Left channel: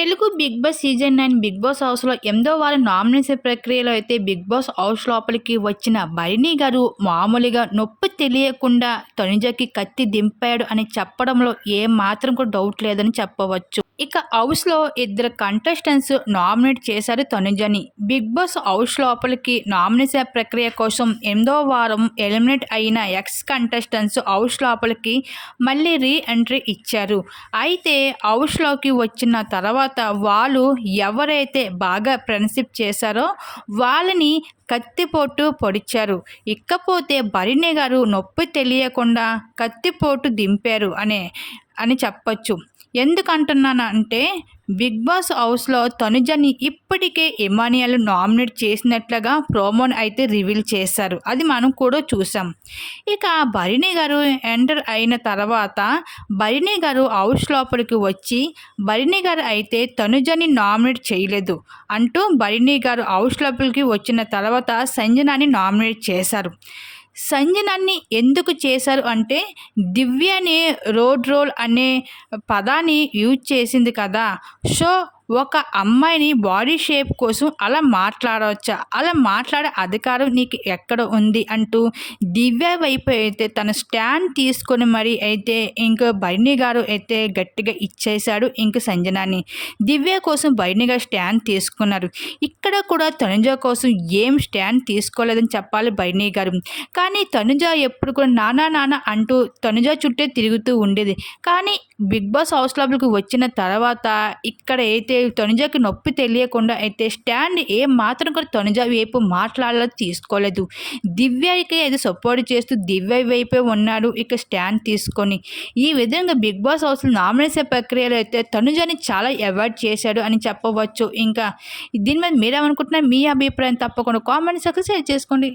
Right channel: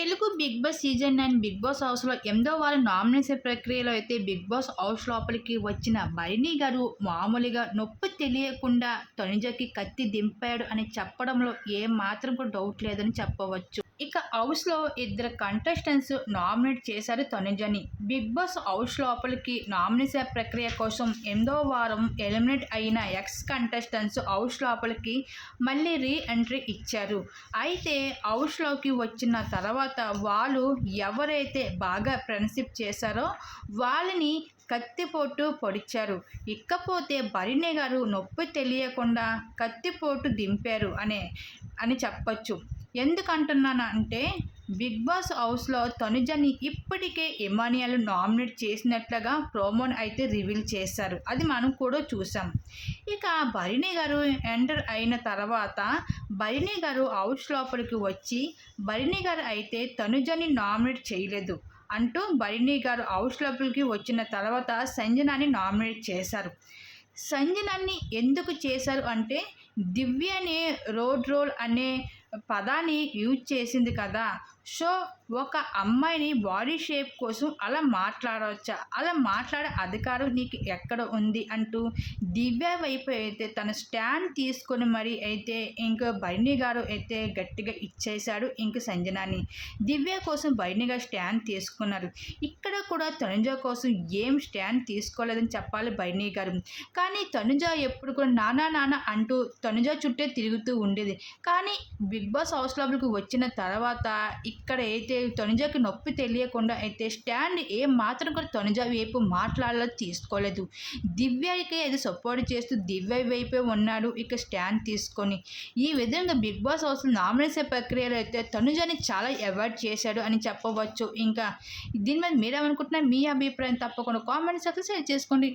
Telugu Bigg Boss season nine Bigg Boss హౌస్లో ఎనిమిదో వారి నామినేషన్ ప్రక్రియలో అయితే బిగ్ బాస్ హౌస్ లోపలికి వచ్చిన భరణి గారు మామూలుగా నొప్పి తెలియకుండా తనుజకి కత్తి దింపాడు అని చెప్పడంలో ఏ మాత్రం కూడా డౌట్ లేదని చెప్పవచ్చు. ఇక హౌస్లో ఇద్దరు కంటెస్టెంట్స్ నామినేట్ చేశారు తనుజని. బిగ్ బాస్ హౌస్ లోపలికి నామినేషన్ ప్రక్రియ కోసం ఎనిమిదో వారం ఎలిమినేట్ అయిన ఎక్స్ కంటెస్టెంట్స్ హౌస్ లోపలికి మళ్ళీ రీ ఎంట్రీ ఇచ్చారు. అయితే హౌస్లోకి వచ్చిన తర్వాత వాళ్ళు ఎవరైతే బాగా ఫ్రెండ్షిప్ చేశారో వాళ్ళని కత్తిపోటు పొడిచారు. ఇకపోతే భరిణి గారు నొప్పి తెలియకుండా కత్తిపోటు దింపారు అనే అని చెప్పచ్చు. ఎందుకంటున్నానంటే బిగ్ బాస్ హౌస్లో తనుజని ఇప్పటికే ఇమానియల్ నామినేట్ చేసినట్లుగా ప్రోమోని అయితే రివీల్ చేశారు. అది మనం కూడా చూసాం. ఇక భరిణి గారు ఎంటర్ అయిన తర్వాత భరిణి గారు హౌస్ లోపలికి వచ్చి భరిణి గారు అయితే తనుజని నామినేట్ చేయలేదు అంటూ భరిణి గారు హౌస్ లోపలికి వచ్చిన తర్వాత సంజనాని నామినేట్ చేశారు. సంజనాన్ని ఎందుకు చేశారు అంటే దివ్య అనే రోడ్ రోల్ అనే పదాన్ని యూజ్ చేసింది కదా. సో ఒక అమ్మాయిని బాడీ షేప్ కోసం అలా మాట్లాడవచ్చా అలా మాట్లాడే అధికారం నీకు ఎక్కడ ఉంది అంటూ దివ్య వైపు అయితే తన స్టాండ్ తీసుకొని మరి అయితే ఇంక బైని గారు అయితే గట్టిగా ఇచ్చేశాడు ఇంక సంజనాని. దివ్య కోసం బైని గారు స్టాండ్ తీసుకున్నారు. ఇక్కడ కూడా తనుజ కోసం ఏం స్టాండ్ తీసుకోలేదని చెప్పాలి బైని గారు. కానీ తనుజ ఎప్పుడు కూడా నానా నాన్న అంటూ తనుజ చుట్టే తిరుగుతూ ఉండేది. కానీ బిగ్ బాస్ హౌస్ లోపలికి వచ్చిన తర్వాత ఇక్కడ అయితే తనుజకి నొప్పి తెలియకుండా అయితే స్టాండ్ ఏ మాత్రం కూడా తనుజ వైపు మాట్లాడాలో తీసుకోలేదు. దివ్యకి అది సపోర్ట్ చేస్తూ దివ్య వైపే ఉన్నాడు ఇక స్టాండ్ తీసుకొని. ఈ విధంగా బిగ్ బాస్ హౌస్ నామినేషన్ ప్రక్రియలో అయితే తనుజని చాలా అవాయిడ్ చేశాడు అని చెప్పవచ్చు. ఇంకా దీని మీద మీరేమనుకుంటున్నా మీ అభిప్రాయం తప్పకుండా కామెంట్ సెక్షన్ షేర్ చేసుకోండి.